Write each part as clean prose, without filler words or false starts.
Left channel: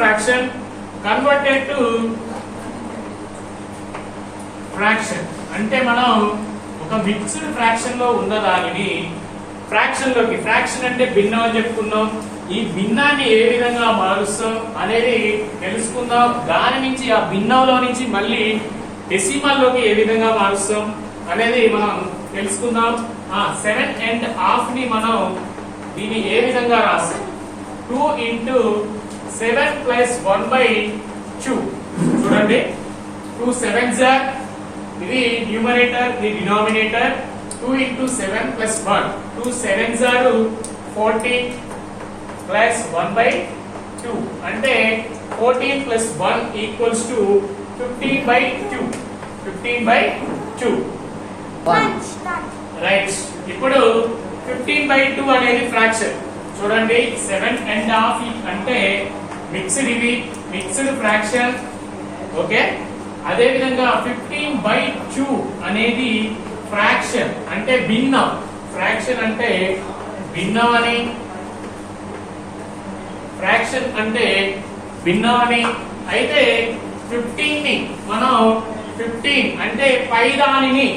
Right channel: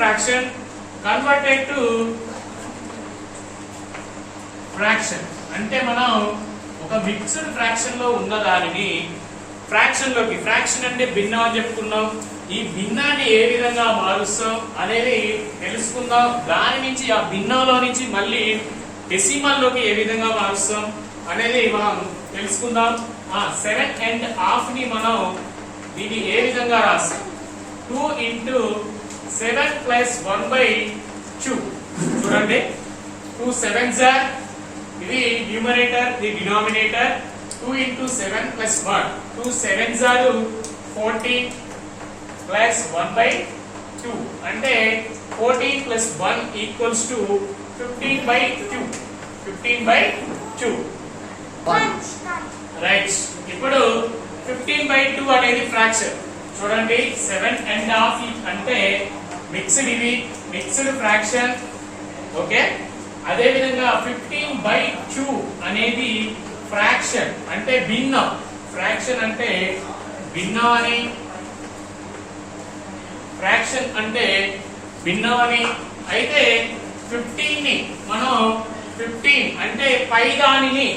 fraction converted to fraction. అంటే మనం ఒక మిక్స్డ్ ఫ్రాక్షన్ లో ఉన్న దానిని ఫ్రాక్షన్ లోకి, ఫ్రాక్షన్ అంటే భిన్నం అని చెప్పుకున్నాం, ఈ భిన్నాన్ని ఏ విధంగా మారుస్తాం అనేది తెలుసుకుందాం. దాని నుంచి ఆ భిన్నంలో నుంచి మళ్ళీ డెసిమల్ లోకి ఏ విధంగా మారుస్తాం అనేది మనం తెలుసుకుందాం. 7.5 ని మనం దీన్ని ఏ విధంగా రాస్తాం? 2 into 7 plus 1/2. చూడండి, 2 7s are, ఇది న్యూమరేటర్, ఇది denominator. 2 into 7 plus 1, 2 7s are 14 plus 1/2. అంటే 14 plus 1 equals to 15/2. 15/2. రైట్. ఇప్పుడు 15/2 అనేది ఫ్రాక్షన్. చూడండి, 7.5 అంటే మిక్స్డ్, ఇది మిక్స్డ్ ఫ్రాక్షన్. ఓకే, అదే విధంగా 15/2 అనేది ఫ్రాక్షన్ అంటే భిన్నం. ఫ్రాక్షన్ అంటే భిన్నం అని, ఫ్రాక్షన్ అంటే భిన్నం అని. అయితే 15 ని మనం 15 అంటే పై దానిని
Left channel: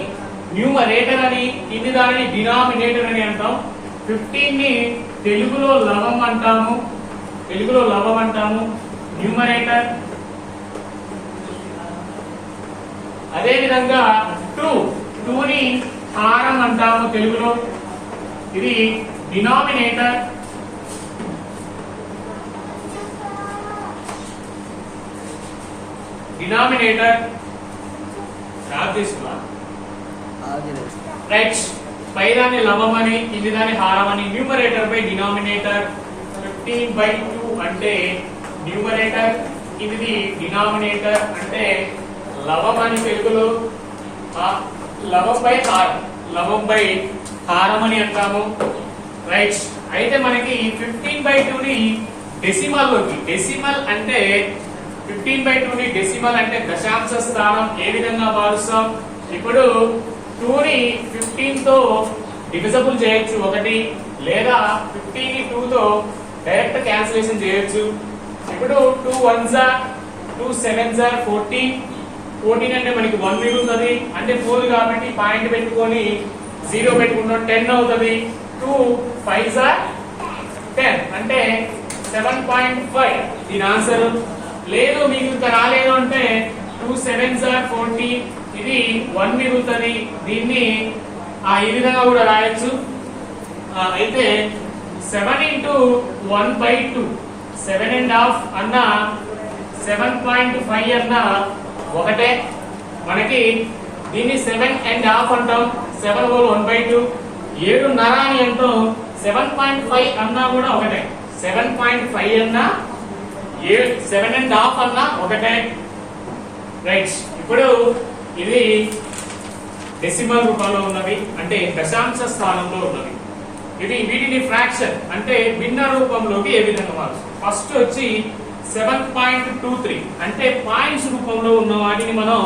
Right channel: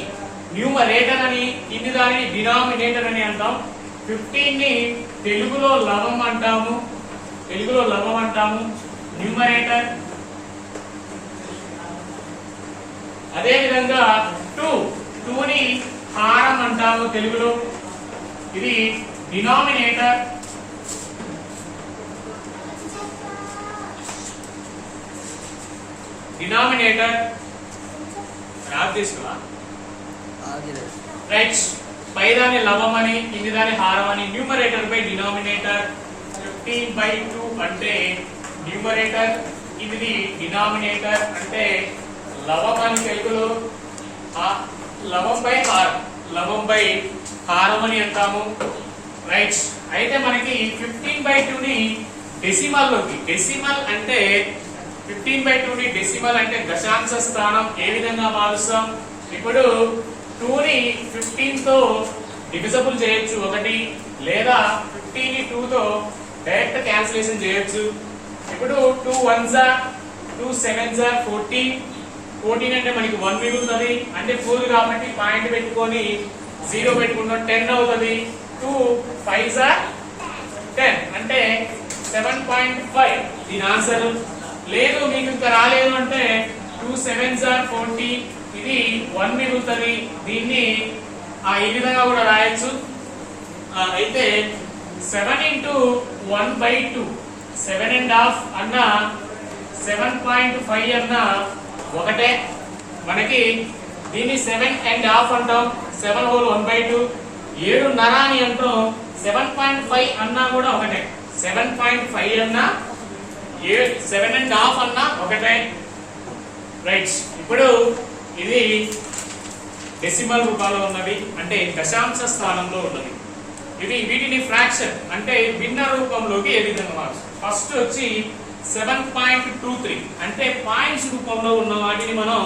న్యూమరేటర్ అని, కింది దానిని డినామినేటర్ అని అంటాం. 15 ని తెలుగులో లవం అంటాము, న్యూమరేటర్. అదే విధంగా 2 ని హారం అంటాము తెలుగులో, ఇది డినామినేటర్. రైట్. పైదాన్ని లవం అని, కింది దాని హారం అని. Numerator by denominator. 15/2 అంటే న్యూమరేటర్, ఇది డినామినేటర్ అంటే లవం అని తెలుగులో. లవం బై హారం అని అంటాము. రైట్. అయితే మనకి 15/2 ని డెసిమల్ లోకి, డెసిమల్ అంటే 15/2 ని డెసిమల్ అంటే దశాంశ స్థానం ఏ విధంగా మారుస్తాం? ఇప్పుడు 2 ని 15 తో డివిజబుల్ చేయొచ్చు ఒకటి, లేదా 15 ని 2 తో డైరెక్ట్ క్యాన్సిలేషన్ చేయొచ్చు. ఇప్పుడు 2 1s are 2 7s are 14. 14 అంటే మనకి 1 మిగులుతుంది, అంటే 4 కాబట్టి పాయింట్ పెట్టుకొని 0 పెట్టుకుంటాం, 10 అవుతుంది. 2 5s are 10 అంటే 7.5 దీని ఆన్సర్. లేదు మీకు ఇంకా రాలేదు అంటే 2 7s are 14, ఇది 1 మిగులుతుంది, దీన్ని ఈ విధంగా కూడా రాయొచ్చు. అయితే 7 into 1/2, 7.5 అన్నా 7.5 అన్నా ఒకటే. మనకి దీన్ని 7.5 అంటాం, 7 whole 1/2. 7.5 అని అంటాం, 7.5 అన్నా కూడా ఒకటే. 7.5 అన్నా 7.5 అన్నా ఒకటే. రైట్. ఇప్పుడు ఇది డెసిమల్ రూపంలో ఉన్నది, అంటే దశాంశ స్థానంలో ఉన్నది. ఇది వీటిని ఫ్రాక్షన్ అంటే భిన్న రూపంలోకి ఏ విధంగా మారుస్తాం? ఫస్ట్ వచ్చి 7.23 అంటే పాయింట్స్ రూపంలో ఉన్న వాటిని మనం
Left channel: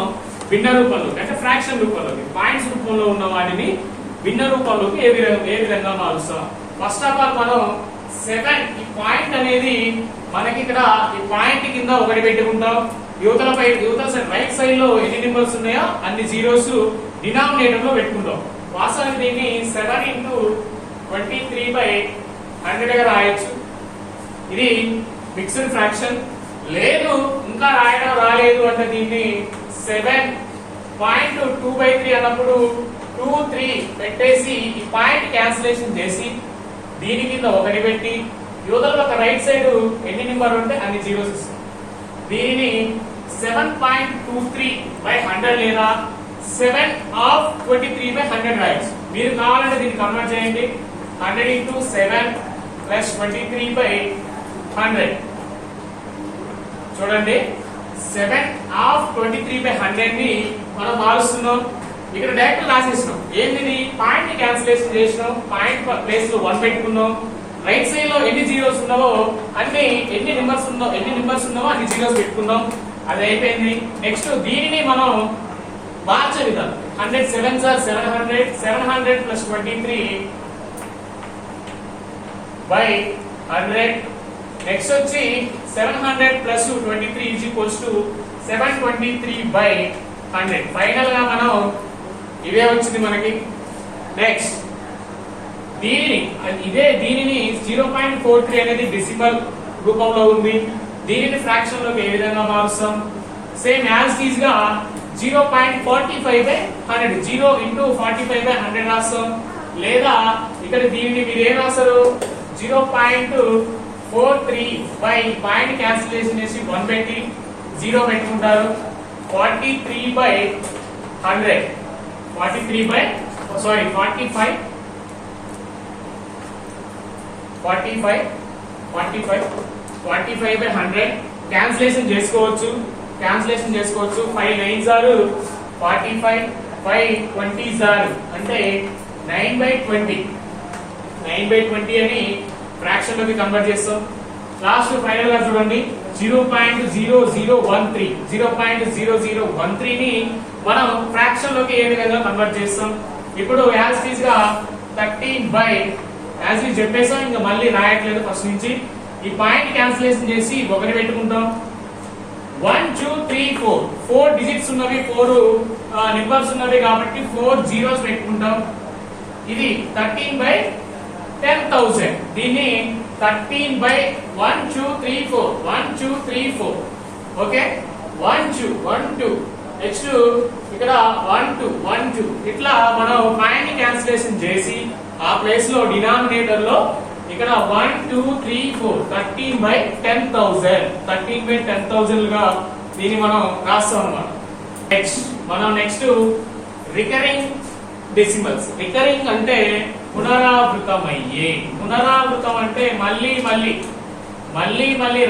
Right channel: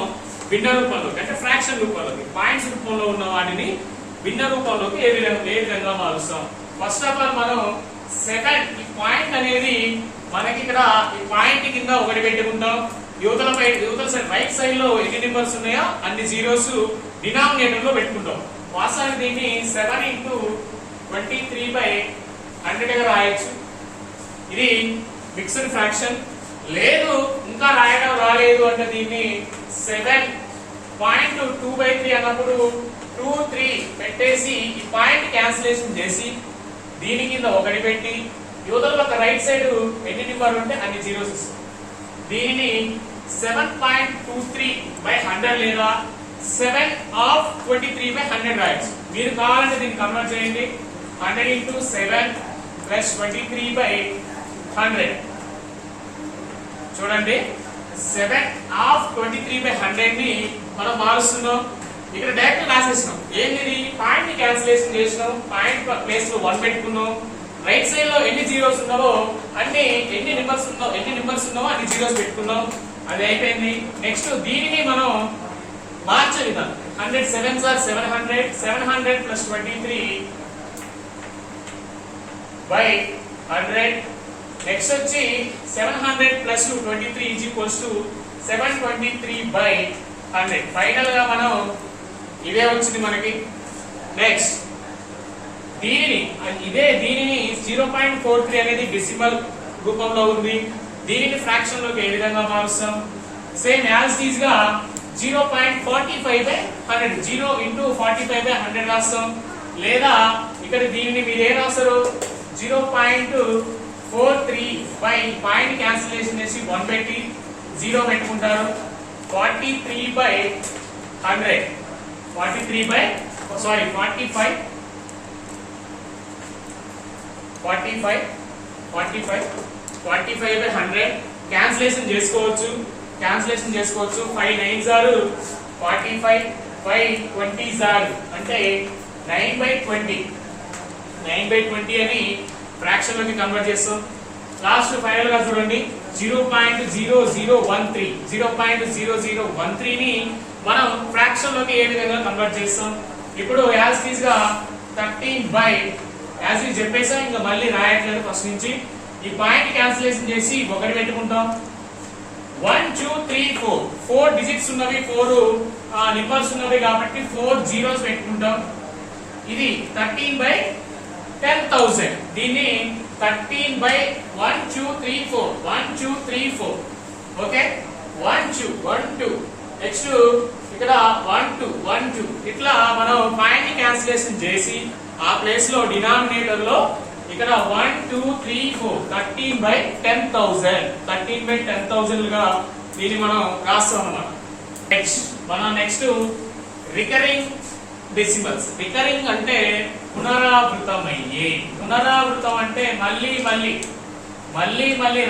భిన్న రూపంలోకి, అంటే ఫ్రాక్షన్ రూపంలోకి, పాయింట్స్ రూపంలో ఉన్న వాటిని భిన్న రూపంలోకి ఏ విధంగా మారుస్తాం? ఫస్ట్ ఆఫ్ ఆల్ మనం 7, ఈ పాయింట్ అనేది మనకి ఇక్కడ ఈ పాయింట్ కింద ఒకటి పెట్టుకుంటాం. యువతల సైడ్ రైట్ సైడ్ లో ఎన్ని నెంబర్స్ ఉన్నాయో అన్ని జీరోస్ డినామినేటర్ లో పెట్టుకుంటాం. వాస్తవానికి దీన్ని 7 into 23/100 గా రాయొచ్చు. ఇది మిక్స్డ్ ఫ్రాక్షన్. లేదు ఇంకా రాయడం రాలేదు అంటే దీన్ని 7.23 అన్నప్పుడు 2 3 పెట్టేసి ఈ పాయింట్ క్యాన్సిలేషన్ చేసి దీని కింద ఒకటి పెట్టి యువతల ఒక రైట్ సైడ్ ఎన్ని నెంబర్ ఉంటే అన్ని జీరోస్ ఇస్తాం. దీనిని 7.23/100 లేదా 7/23/100 రాయొచ్చు. మీరు కావాలంటే దీన్ని కన్వర్ట్ చేయండి. 100 into 7 plus 23/100. చూడండి, 7/23/100 ని మనం మారుస్తున్నాం. ఇక్కడ డైరెక్ట్ రాసేసినాం. ఏంటి? పాయింట్ ని క్యాన్సిలేషన్ చేసినాం, పాయింట్ ప్లేస్ లో 1 పెట్టుకున్నాం. రైట్ సైడ్ లో ఎన్ని జీరోస్ ఉన్నావో అంటే ఎన్ని నెంబర్స్ ఉన్నావో అన్ని జీరోస్ పెట్టుకున్నాం. అది అయిపోయింది. నెక్స్ట్ దీనిని మనం మార్చే విధానం 100 7s are 700. 700 plus 23/100 నెక్స్ట్ వచ్చి 700 plus 23 is equals to 723/100. Final గా మనం ఇదే వచ్చింది మనకి. నెక్స్ట్ దీనిని 0.43 అనేది డెసిమల్ రూపంలో ఉంది. దీనిని ఫ్రాక్షన్ లోకి ఏ విధంగా మారుస్తాం? సేమ్ యాజ్ ఇట్ గా 0.45/100 0 ఇంటూ 45/100 రాస్తాం. లేదా ఇక్కడ దీన్ని మీరు ఏం రాస్తారు? 0.43 బై పాయింట్ క్యాన్సిలేషన్ చేసి 1 పెట్టి 0 పెట్టుకుంటారు. 43/100 45/100 క్యాన్సిలేషన్ చేసుకోవచ్చు. 5 9s are 45, 5 20s are అంటే 9/20 అని ఫ్రాక్షన్ లోకి కన్వర్ట్ చేస్తాం. లాస్ట్ ఫైనల్ గా చూడండి 0.0013 ని మనం ఫ్రాక్షన్ లోకి ఏ విధంగా కన్వర్ట్ చేస్తాం? ఇప్పుడు యాజ్ ఇట్ ఈస్ గా 13 యాజ్ ఇట్ చెప్పేసాం, ఇంకా మళ్ళీ రాయట్లేదు ఫస్ట్ నుంచి. ఈ పాయింట్ క్యాన్సిలేషన్ చేసి 1 పెట్టుకుంటాం. 1 2 3 4 డిజిట్స్ ఉన్నవి, 4 నెంబర్స్ ఉన్నవి కాబట్టి 4 zeros పెట్టుకుంటాం. ఇది 13/10,000. దీన్ని 13/1234 ఓకే. 1 2 నెక్స్ట్ ఇక్కడ 1 2 ఇట్లా మనం పాయింట్ క్యాన్సిలేషన్ చేసి ఆ ప్లేస్ లో డినామినేటర్ లో ఇక్కడ 1 2 3 4 13/10,000 గా దీన్ని మనం రాస్తాం అన్నమాట. Next recurring decimals. రికరింగ్ అంటే పునరావృతమయ్యే. పునరావృతం అంటే మళ్ళీ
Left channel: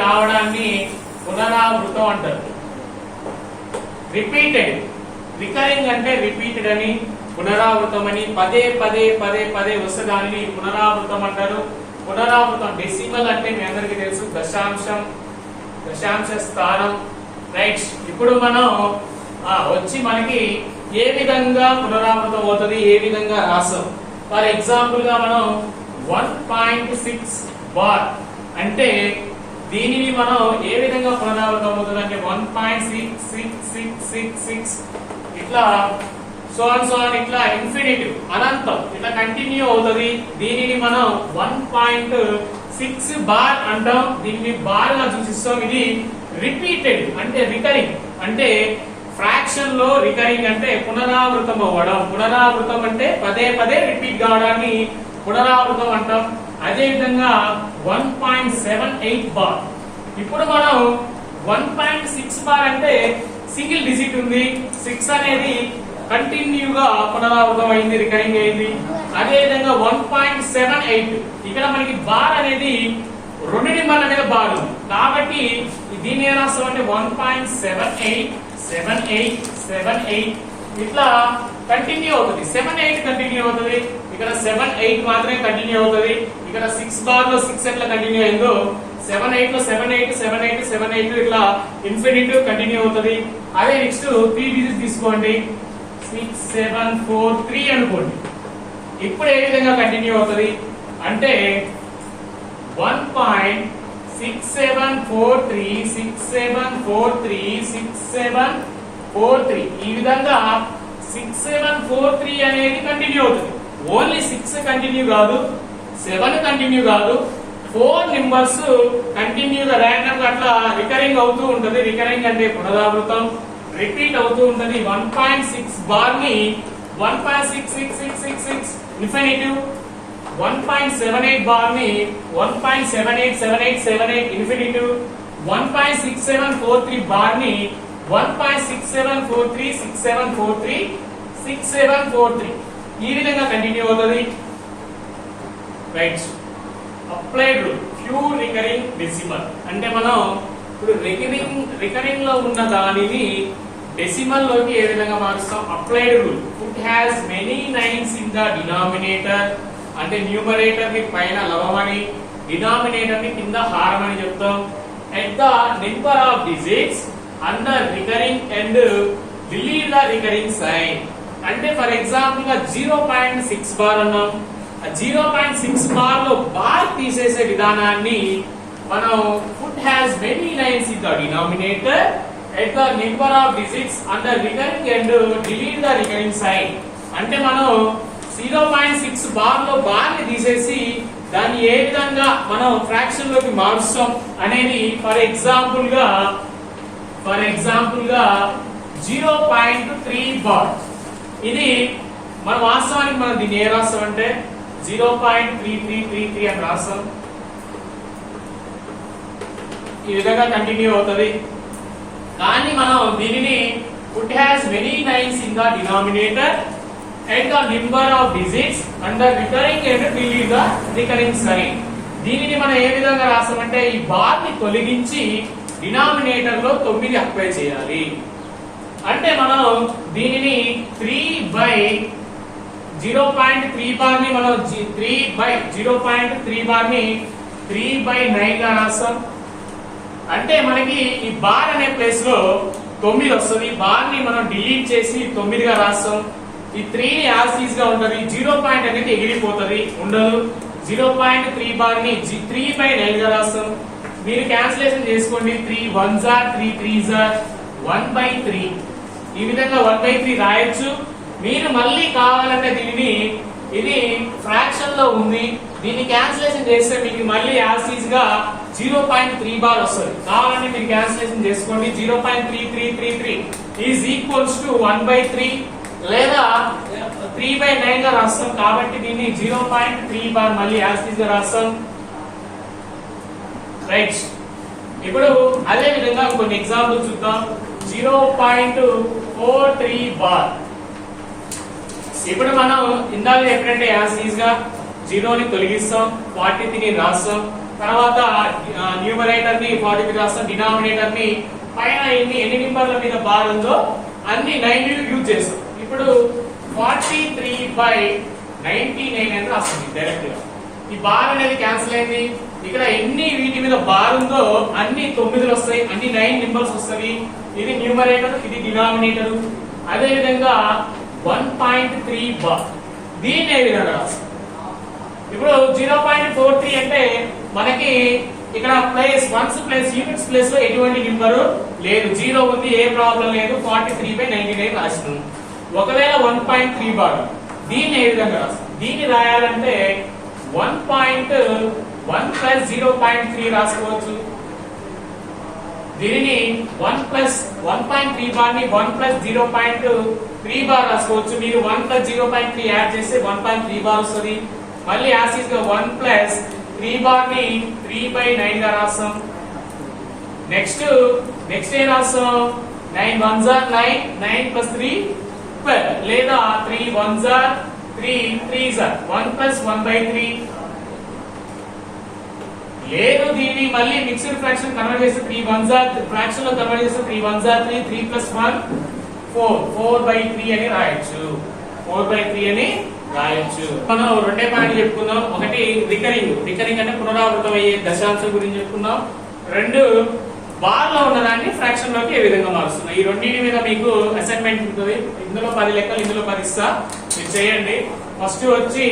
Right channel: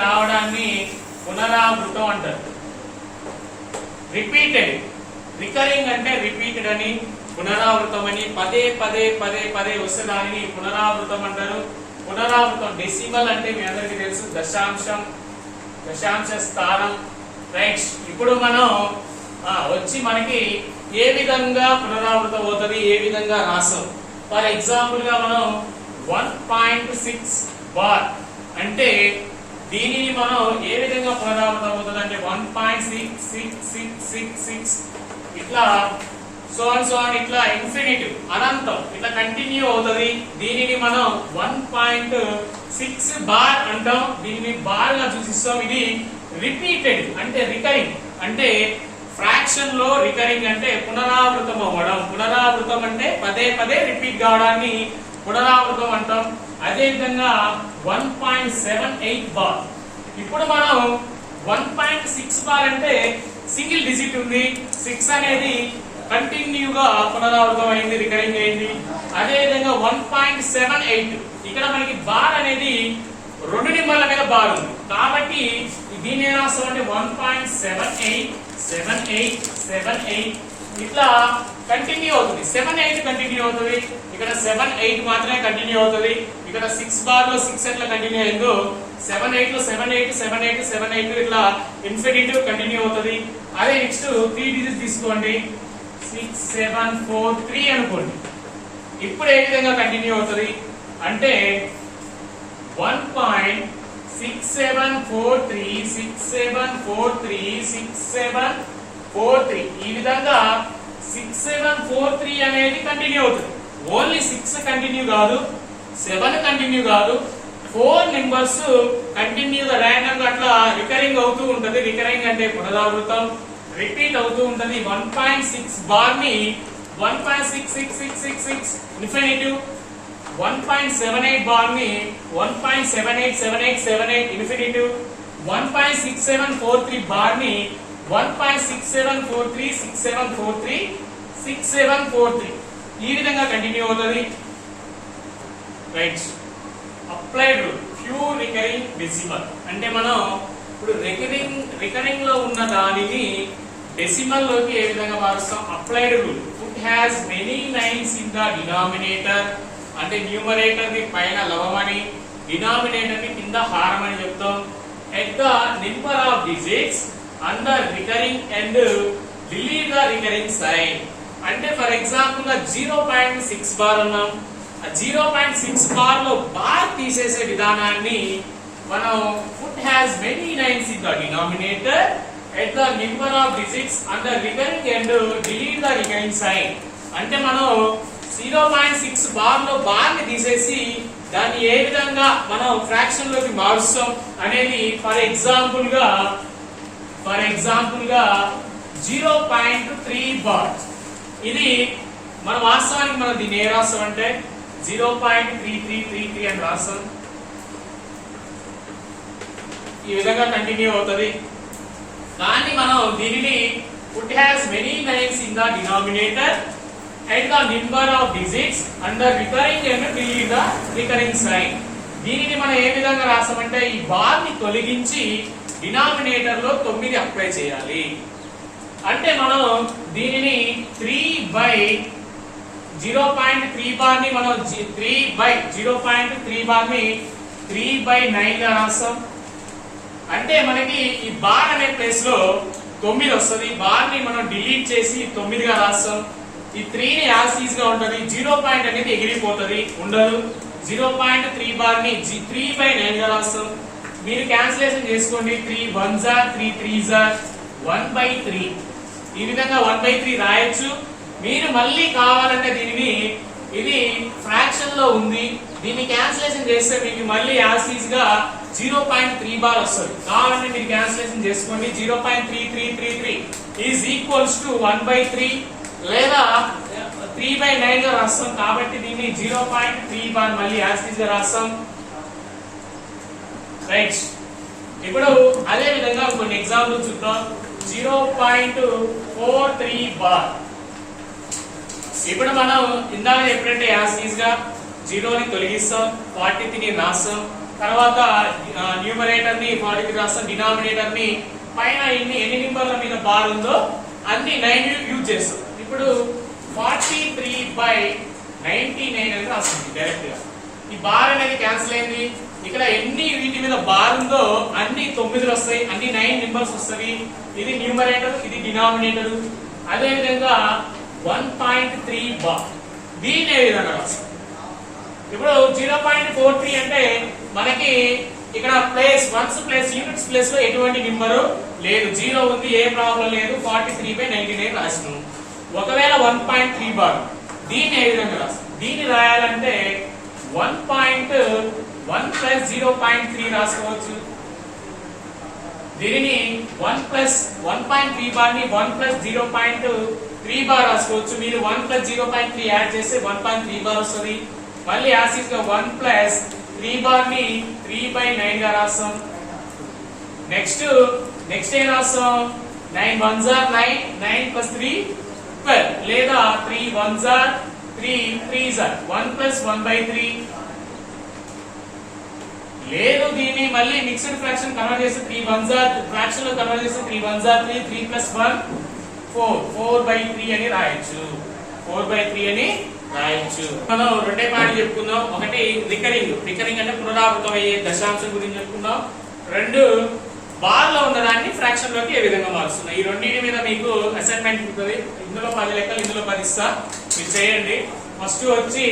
రావడాన్ని పునరావృతం అంటారు. రిపీటెడ్. రికరింగ్ అంటే రిపీటెడ్ అని, పునరావృతం అని, పదే వస్తే దానిని పునరావృతం అంటారు. పునరావృతం డెసిమల్ అంటే మీ అందరికీ తెలుసు, దశాంశ స్థానం. రైట్. ఇప్పుడు మనం వచ్చి మనకి ఏ విధంగా పునరావృతం అవుతుంది, ఏ విధంగా రాసాం. ఫర్ ఎగ్జాంపుల్ గా మనం 1.6 బార్ అంటే దీనిని మనం ఏ విధంగా పునరావృతం అవుతుంది అంటే 1.6666 ఇట్లా సో ఇట్లా ఇన్ఫినిటివ్ అనంతం ఇట్లా కంటిన్యూ అవుతుంది. దీనిని మనం 1.6 బార్ అంటాం. దీన్ని బార్ గా సూచిస్తాం. ఇది రిపీటెడ్ అంటే రికరింగ్ అంటే ఫ్రాక్షన్ లో రికరింగ్ అంటే పునరావృతం అవ్వడం. పునరావృతం అంటే పదే రిపీట్ కావడాన్ని పునరావృతం అంటాం. అదే విధంగా 1.78 బార్. ఇప్పుడు మనం 1.6 బార్ అంటే సింగిల్ డిజిట్ ఉంది. 6 అనేది కంటిన్యూగా పునరావృతం అయింది, రికరింగ్ అయింది. అదే విధంగా 1.78 ఇక్కడ మనకి బార్ అనేది 2 నిమ్మల మీద బార్ ఉంది కాబట్టి దీన్ని ఏం రాస్తామంటే 1.78 ఇట్లా కంటిన్యూ అవుతుంది. 78 కంటిన్యూ అవుతుంది. ఇక్కడ 78 మాత్రమే కంటిన్యూ అవుతుంది. ఇక్కడ 6 బార్ లో 6 ఎట్లా కంటిన్యూ అయిందో 78 లో 78 ఇట్లా ఇన్ఫినిటివ్ కంటిన్యూ అవుతుంది. అదే నెక్స్ట్ 3 డిజిట్స్ తీసుకోండి. 6 7 4 3 అనుకోండి. ఇప్పుడు ఏ విధంగా కంటిన్యూ అవుతుంది అంటే 1.6743 ఈ విధంగా 6743 అనేది కంటిన్యూ అవుతుంది. ఓన్లీ 6 కంటిన్యూ కాదు, 7 కంటిన్యూ కాదు, 4 నెంబర్స్ కంటిన్యూగా ర్యాండమ్ గా అట్లా రికరింగ్ అవుతూ ఉంటది. రికరింగ్ అంటే పునరావృతం, రిపీట్ అవుతూ ఉంటది. 1.6 బార్ ని 1.6666 ఇన్ఫినిటివ్, 1.78 బార్ ని 1.787878 ఇన్ఫినిటివ్, 1.6743 బార్ ని 1.67436743 ఈ విధంగా కంటిన్యూ అవుతుంది. Right. Applied rule pure recurring decimal అంటే మనం ఇప్పుడు రికరింగ్ లో ఉన్న దానిని డెసిమల్ లోకి ఏ విధంగా మారుస్తాం? Applied rule. It has many nines in the denominator అంటే న్యూమరేటర్ ని పైన లవమని, డినామినేటర్ ని కింద హారం అని చెప్తాం. At the number of digits under recurring and delete the recurring sign అంటే ఫర్ ఎగ్జాంపుల్ గా 0.6 బార్ అన్నాం. 0.6 బార్ లో బార్ తీసేసే విధానాన్ని మనం foot has many nines in the denominator at the number of digits on the recurring end delete the recurring sign. అంటే మనం 0.6 bar లో బార్ ని తీసేసి దాన్ని ఏ విధంగా మనం ఫ్రాక్షన్ లోకి మారుస్తాం అనేది ఫర్ ఎగ్జాంపుల్ గా 0.3 బార్. ఇది మన వాస్తవానికి మనం దీన్ని ఏ రాస్తాం అంటే 0.3333 అని రాస్తాం. ఈ విధంగా కంటిన్యూ అవుతుంది. కానీ మనం దీనిని put as many nines in the denominator and the number of digits and the recurring and delete the recurring sign. దీనిని మనం ఏ విధంగా రాస్తామంటే ఈ బార్ ని తొలగించి డినామినేటర్ లో 9 అప్లై చేయాలి. అంటే మనం దీనిని 3/0.3 బార్ ని మనం 3/0.3 బార్ ని 3/9 గా రాస్తాం. అంటే మనకి ఈ బార్ అనే ప్లేస్ లో 9 వస్తుంది. బార్ ని మనం డిలీట్ చేసి 9 గా రాస్తాం. ఈ 3 ని యాజ్ ఈజ్ గా ఉంటది. 0 పాయింట్ అనేది ఎగిరిపోతుంది, ఉండదు. 0.3 బార్ ని 3/9 గా రాస్తాం. మీరు క్యాన్సిలేషన్ చేసుకోండి. 3 1s are 3 3s are 1/3. ఈ విధంగా 1/3 రాయొచ్చు. మీరు మళ్ళీ కావాలంటే దీనిని ఇది ఫ్రాక్షన్ లో ఉంది, దీన్ని క్యాన్సిలేషన్ చేస్తే మీకు మళ్ళీ యాజ్ ఈజ్ గా 0.3 బార్ వస్తుంది. కావాలంటే మీరు క్యాన్సిలేషన్ చేసుకోండి. 0.3333 ఈజ్ ఈక్వల్స్ టు 1/3 లేదా 3/9 గా రాస్తాం. కాబట్టి దీన్ని 0.3 బార్ మళ్ళీ యాజ్ ఈజ్ గా రాస్తాం. రైట్. ఇప్పుడు అదే విధంగా కొన్ని ఎగ్జాంపుల్ చూద్దాం. 0.43 బార్. ఇప్పుడు మనం ఇందాక ఎప్పుడంటే యాజ్ ఈజ్ గా 0 ని తొలగిస్తాం, 43 ని రాస్తాం. తర్వాత న్యూమరేటర్ ని 43 రాస్తాం, డినామినేటర్ ని పైన ఎన్ని నెంబర్ల మీద బార్ ఉందో అన్ని 9 యూజ్ చేస్తాం. ఇప్పుడు 43/99 అని రాస్తుంది డైరెక్ట్ గా. ఈ బార్ అనేది క్యాన్సిల్ అయింది. ఇక్కడ ఎన్ని వీటి మీద బార్ ఉందో అన్ని 9 వస్తాయి, అన్ని 9 నెంబర్స్ వస్తాయి. ఇది న్యూమరేటర్, ఇది డినామినేటర్. అదే విధంగా 1.3 బార్. దీన్ని ఏ విధంగా రాస్తాం? ఇప్పుడు 0.43 అంటే మనకి ఇక్కడ place ones place units place లో ఎటువంటి నెంబర్ లేదు, 0 ఉంది, ఏ ప్రాబ్లం లేదు. 43/99 రాస్తున్నాం. ఒకవేళ 1.3 బార్ దీన్ని ఏ విధంగా రాస్తాం? దీన్ని రాయాలంటే 1.1 ప్లస్ 0.3 రాసుకోవచ్చు. దీనిని 1.3 బార్ ని 1 ప్లస్ 0.3 బార్ రాసుకోవచ్చు. మీరు 1 ప్లస్ 0.3 యాడ్ చేస్తే 1.3 బార్ వస్తుంది. మళ్ళీ యాసిస్ గా 1 ప్లస్ 3 బార్ ని 3/9 గా రాస్తాం. నెక్స్ట్ ఏ రాస్తాం? 9 1s are 9, 9 plus 3 12 లేదా 3 1s are 3 3s are 1 plus 1/3. లేదు దీన్ని మళ్ళీ మిక్స్డ్ ఫ్రాక్షన్ కన్వర్ట్ చేస్తే 3 1s are ఫ్రాక్షన్ లో కన్వర్ట్ చేస్తే 3 1s are 3, 3 plus 1 4, 4/3 అని రాయొచ్చు. 4/3 అని రాయొచ్చు. మనం రెండే పాయింట్ చెప్పుకుందాం. ఒకటి రికరింగ్ అంటే పునరావృతం అయ్యే దశాంశం గురించి చెప్పుకుందాం. 2 బార్ లో ఉన్నదాన్ని ఫ్రాక్షన్ లోకి ఏ విధంగా మారుస్తున్నాం. ఈ రెండింటి మీద మీకు అసైన్మెంట్ ఉంటుంది. ఇందులో 10 లెక్కలు, ఇందులో 10 ఇస్తా, మీరు చేయండి. ఫస్ట్ వచ్చి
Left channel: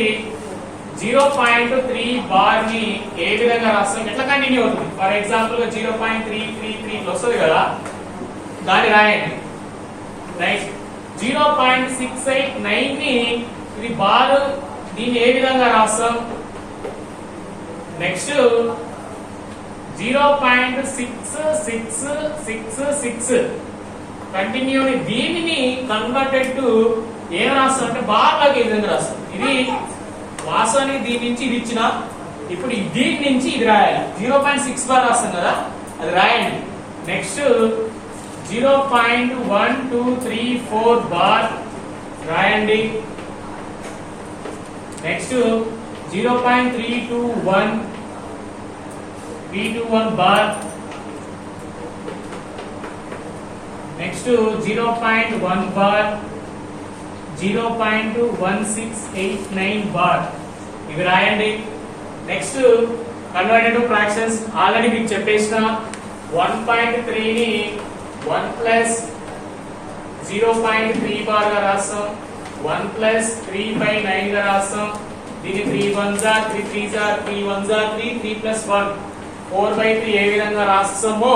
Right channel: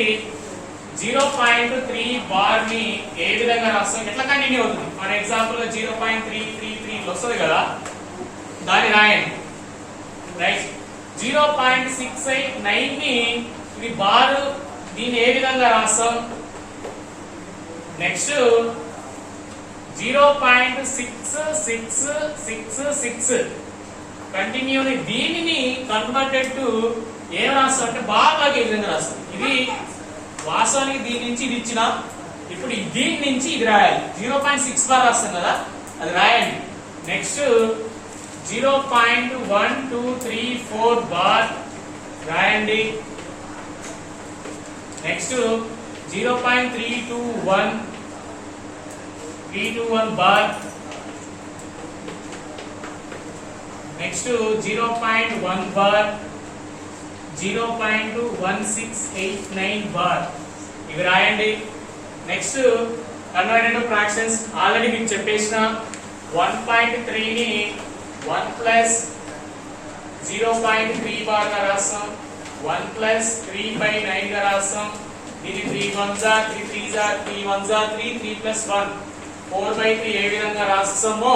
0.3 బార్ ని ఏ విధంగా రాస్తాం, ఎట్లా కంటిన్యూ అవుతుంది. ఫర్ ఎగ్జాంపుల్ గా 0.333 వస్తుంది కదా, దాన్ని రాయండి. రైట్. 0.689 ని ఇది బార్, దీన్ని ఏ విధంగా రాస్తాం. Next 0.6666 continue. దీనిని కన్వర్టెడ్ టు ఏం రాస్తాం అంటే బార్ లాగా ఏ విధంగా రాస్తాం. ఇది వాస్తవానికి దీని నుంచి ఇది ఇచ్చిన, ఇప్పుడు దీని నుంచి ఇది రాయాలి. 0.6 బార్ రాస్తాం కదా, అది రాయండి. నెక్స్ట్ 0.1234 బార్ రాయండి. Next 0.321 B21 bar. Next 0.1 bar, 0.1689 bar. ఇవి రాయండి. Next converted to fractions already మీకు చెప్పేసిన 1.3 ని 1 ప్లస్ 0.3 బార్ గా రాస్తాం. 1 ప్లస్ 3/9 గా రాస్తాం. దీన్ని 3 1s are 3 3s are 3 1s are 3 3 plus 1 4/3 ఏ విధంగా రాస్తామో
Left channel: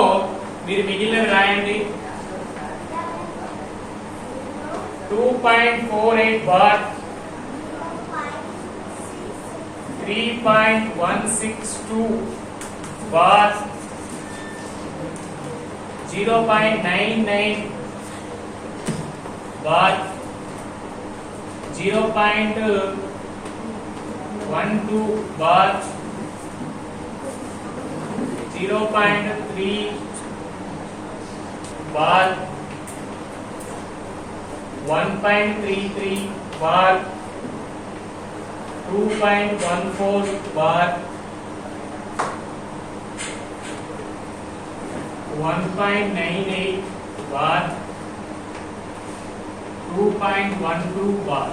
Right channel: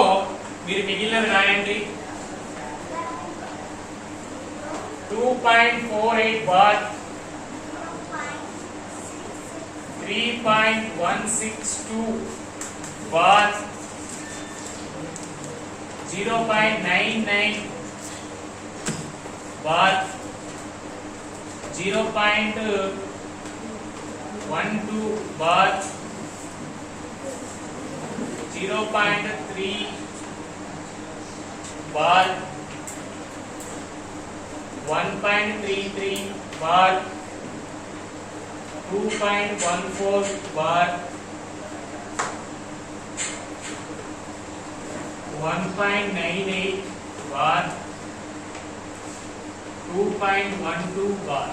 మీరు మిగిలినవి రాయండి. 2.48 bar 3.162 bar 0.99 bar 0.12 bar 0.3 bar 1.33 bar 2.14 bar 1.98 bar 2.12 bar.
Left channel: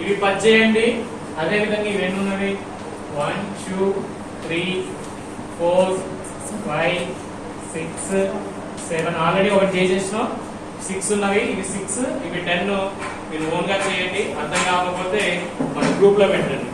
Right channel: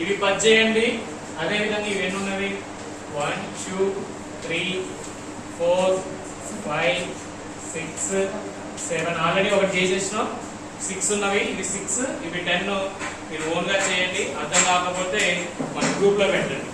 ఇవి పది చేయండి. అదే విధంగా ఇవన్నీ ఉన్నవి 1 2 3 4 5 6 7 ఆల్రెడీ ఒకటి చేసేసినాం. 6 ఉన్నవి, ఇవి 6, ఇవి 10. మీరు ఓన్ గా చేయండి. అర్థం కాకపోతే మన గ్రూప్ లో పెట్టండి.